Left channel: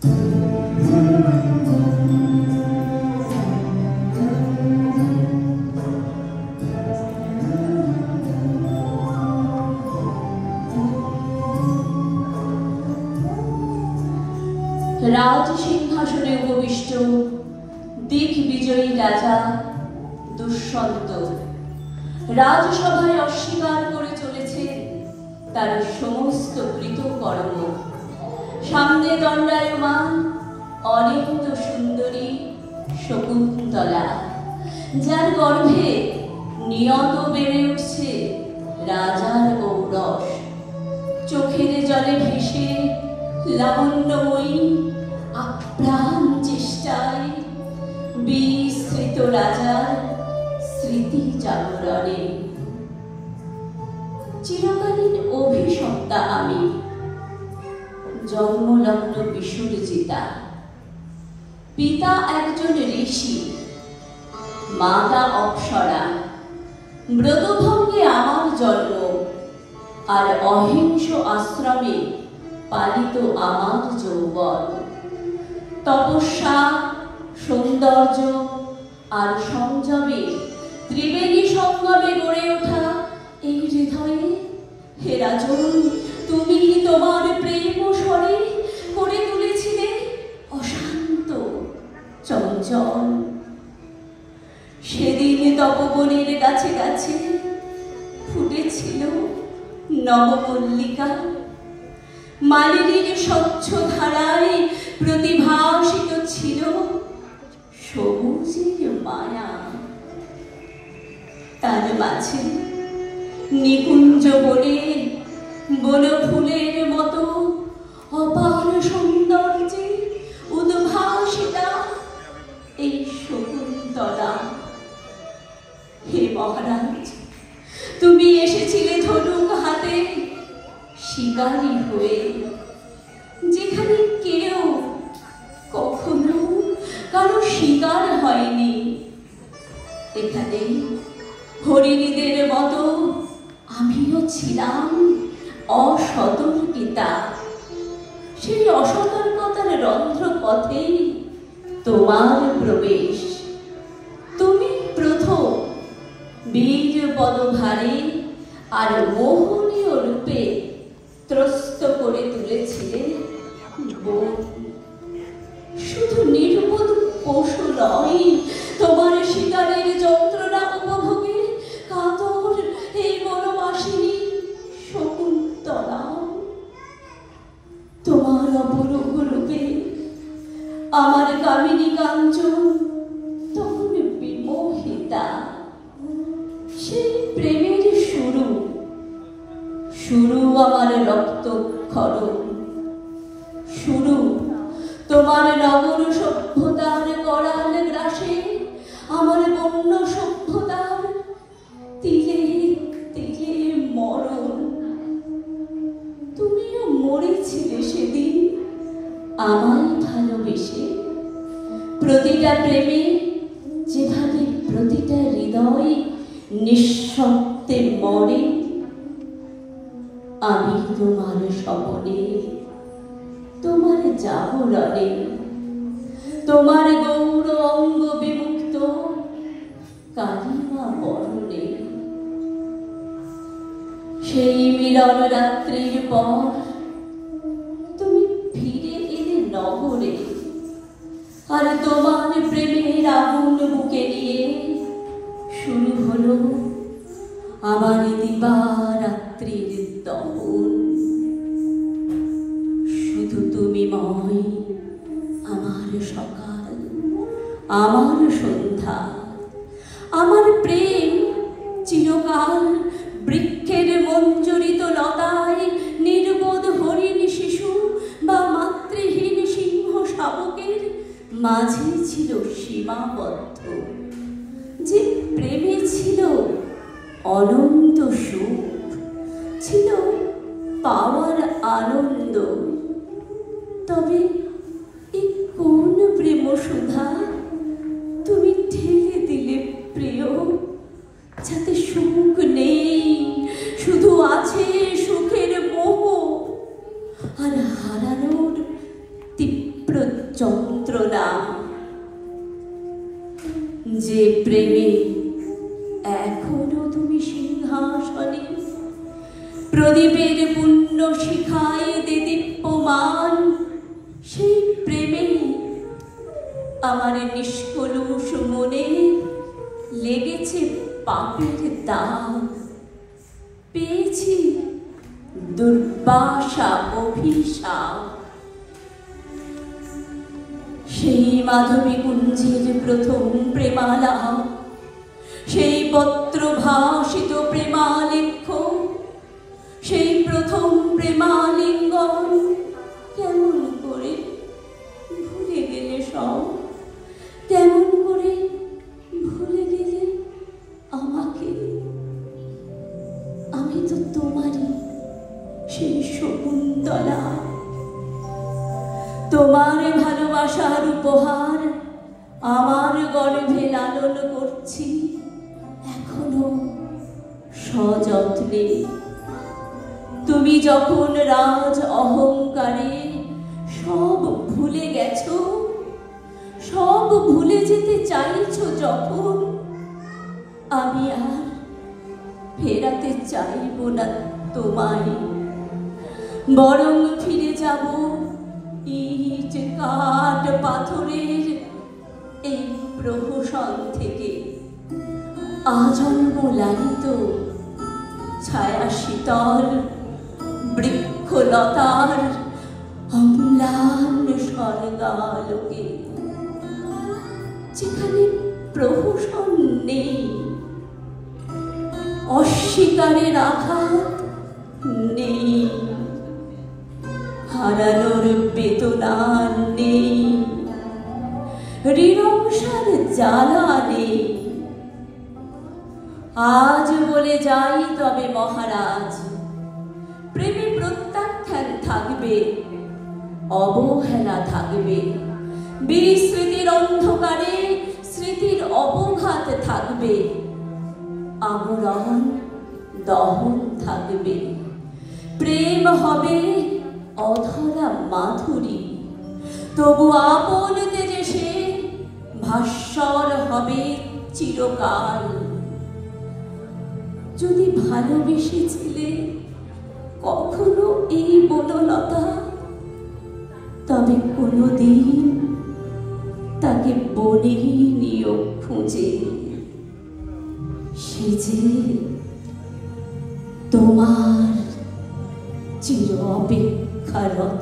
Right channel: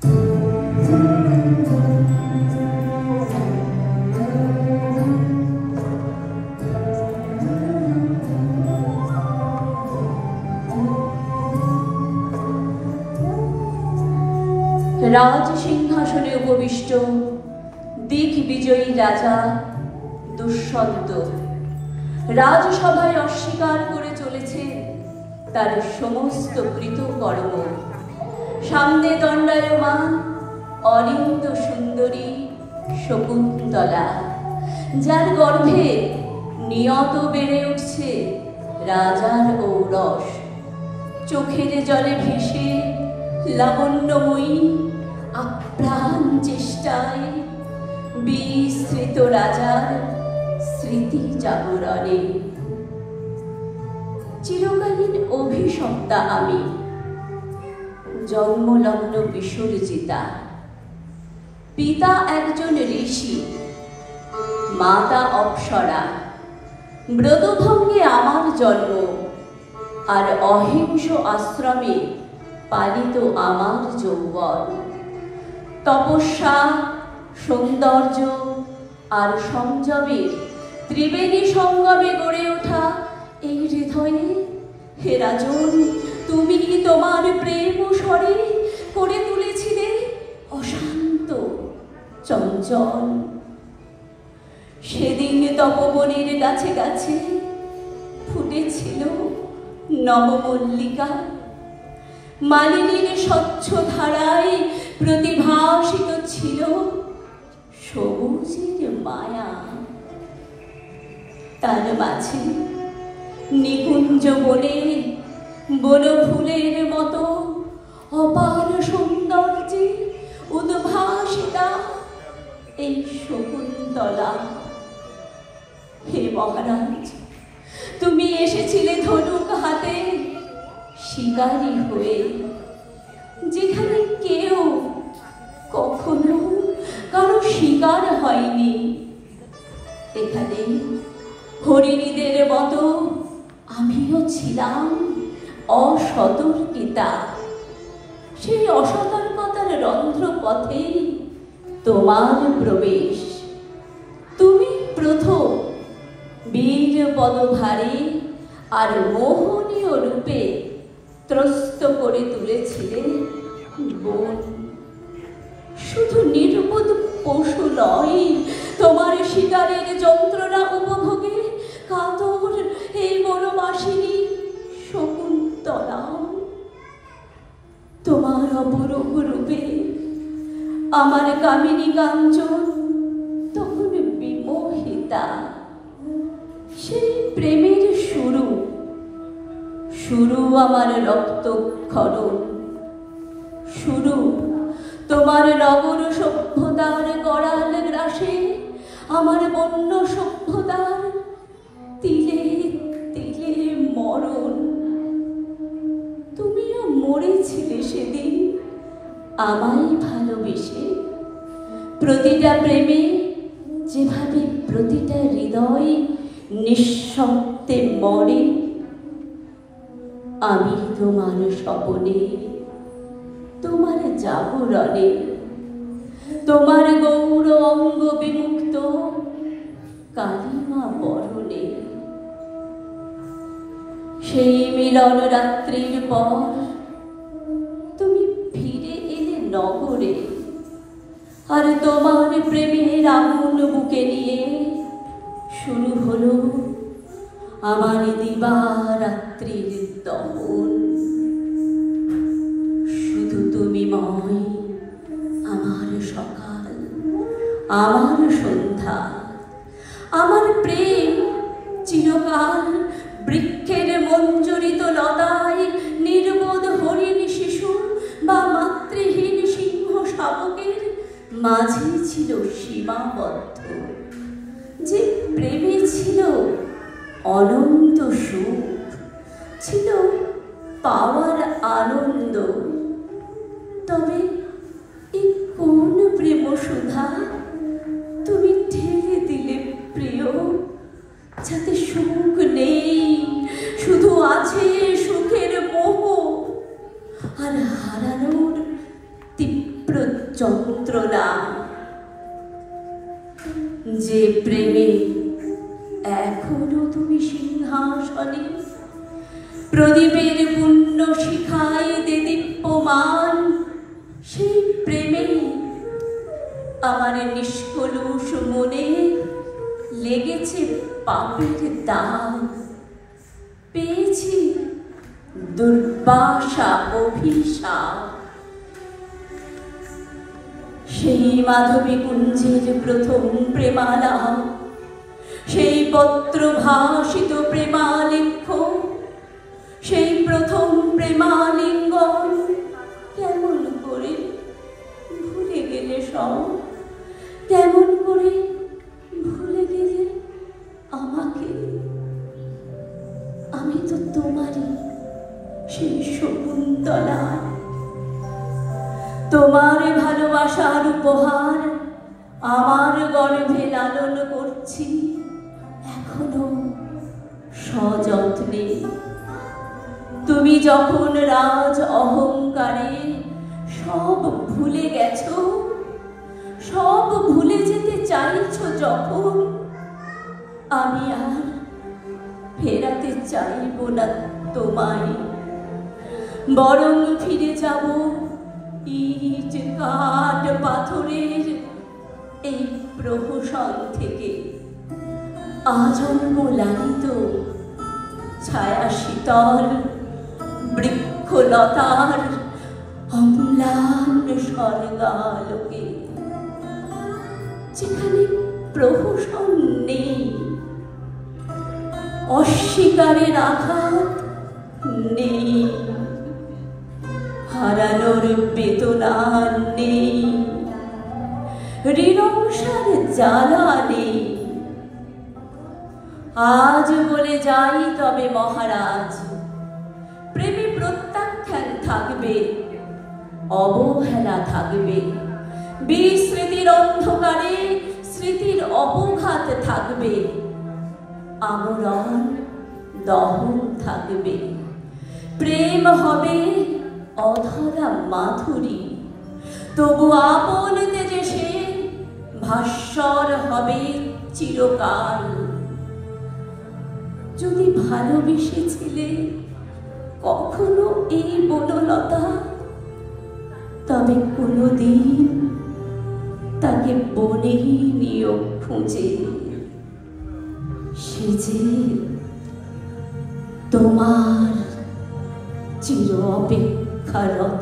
রাজ সিংহাসনে উপবিষ্ট দিগ্বিজয়ী রাজা দুষ্যন্ত রাজসভায় অস্বীকার করে চলেছে তার সমস্ত কৃতকর্ম। সামনে দণ্ডায়মান অনিন্দ সুন্দরী শকুন্তলা, যার গর্ভে নিয়ত বেড়ে উঠছে রাজার ঔরস। চোখের জলে ভেসে লাবণ্যময়ী আপ্রাণ চেষ্টায় বিস্মৃত রাজার স্মৃতি জাগরণে। চিরকালীন অভিশপ্তা আমি, জন্মলগ্ন বিসর্জিতা। পিতা একজন ঋষি, মাতা অপ্সরা। ব্রতভঙ্গে আমার জন্ম, আর অহিংস আশ্রমে পালিত আমার যৌবন। তপস্যা, সৌন্দর্য আর সংযমে ত্রিবেণী সঙ্গমে গড়ে ওঠা এই হৃদয়ে, হে রাজন, তুমি তোমার প্রেম স্বরে করে তুলেছিলে অশান্ত চঞ্চল। সেদিন তপবনের গাছে গাছে ফুটেছিল নবমল্লিকা। মালিনীর স্বচ্ছ ধারায় প্রতিভাসিত ছিল সবুজের মায়া। তার মাঝে নিকুঞ্জ বনে বনফুলের মতো অপার সৌন্দর্যে উদ্ভাসিতা এই শকুন্তলা। হে মহারাজ, তুমি এসেছিলে ধনুক হাতে শিকারী হয়ে, যেখানে কেউ কখনো কারো শিকার হয়নি। এখানে হরিণীদের মতো আমিও ছিলাম অসতর্কিতা। সেই অসতর্কতার রন্ধ্র পথে তোমার প্রবেশ। তুমি প্রথম বীর পদভারে আর মোহনীয় রূপে ত্রস্ত করে তুলেছিলে বন। শুধু নির্বোধ পশু নয়, তোমার শিকারের যন্ত্রণা উপভোগে কাতর এই বনবাসিনী শকুন্তলা। তোমার অপরূপ রূপে আমার কামিনী কাঞ্চন তখন বিমোহিতা। সেই প্রেমের শুরু শুরু আমার রক্তক্ষরণ, শুরু তোমার নগর সভ্যতার করাল গ্রাসে, আমার বন্য সভ্যতার তিলে তিলে মরণ। তুমিও মরেছিলে সেদিন আমায় ভালোবেসে। প্রতিটা প্রেমে যেভাবে প্রতিটা হৃদয় নিঃশব্দে মরে, আমি তোমার স্বপনে, তোমার জাগরণে, তোমার গৌর অঙ্গ বিমুক্ত কালিমা বরণে। সেই মিলন রাত্রির পর তুমি ফিরে এলে নগরে, আর তোমার প্রেমের আগুন বুকে নিয়ে শুরু হলো আমার দিবারাত্রির দহন। শুধু তুমি ময় আমার সকাল, আমার সন্ধ্যা। আমার প্রেম চিরকাল বৃক্ষের মঞ্জরিত লতায় নির্বোধ হরিণ শিশু বা মাতৃহীন সিংহ শাবকের মাঝে ছিল সীমাবদ্ধ। যে প্রেমে ছিল অনন্ত সুখ, ছিল পাওয়ার আনন্দ। তবে এই কোন প্রেম সুধা তুমি ঢেলে দিলে প্রিয়, যাতে সুখ নেই, শুধু আছে সুখের মোহ আর হারানোর তীব্র যন্ত্রণা, যে প্রেমে এখনো তুমি সিংহাসনে প্রদীপের পুণ্য শিখায় দেদীপ্যমান, সেই প্রেমে আমার নিষ্কলুষ মনে লেগেছে পাপের দাগ, পেয়েছি দুর্বাসা অভিশাপ। সেই মাধবী কুঞ্জের প্রথম প্রেমালাপ, সেই পত্র ভাসিত প্রেমালেখ্য, সেই প্রথম প্রেমালিঙ্গন কেমন করে ভুলে গেলে সব, কেমন করে ভুলে গেলে আমাকে। আমি তো তোমারই সেই শকুন্তলা, তোমার ভালোবাসার উপহার আমার গর্ভে লালন করছি এখনো সযত্নে। তুমি যখন রাজ অহংকারে সব ভুলে গেছো, সব ভুলে যেতে চাইছো যখন, আমি আর ফেরাতে চাইব না তোমায়, বরং ফিরে যাব ইট কাঠ পাথরের এই প্রহসন থেকে। আজন্ম লালিত ছায়া শীতল বৃক্ষলতার অম্লান স্বর্গালোকে, যেখানে প্রহসন নেই, অস্বীকারের আঘাত নেই, হারানোর বেদনা নেই, ঋণংসার জ্বালা নেই। আজ বলে যাই তবে মহারাজ, প্রেমে প্রত্যাখ্যান থাকবে, অবহেলা থাকবে, বিস্মৃতির অন্ধকারে স্মৃতির অবঘাত থাকবে, আমরণ দহন থাকবে। প্রেম হবে অধরা মাধুরী, তবু আপন তেজে সে ভাস্বর হবে চিরকাল। যদি ভালোবেসেছিলে কখনো এই বনলতা, তবে কোনোদিন তাকে বনে নিও খুঁজে, সে যে তোমার চির অপেক্ষারত।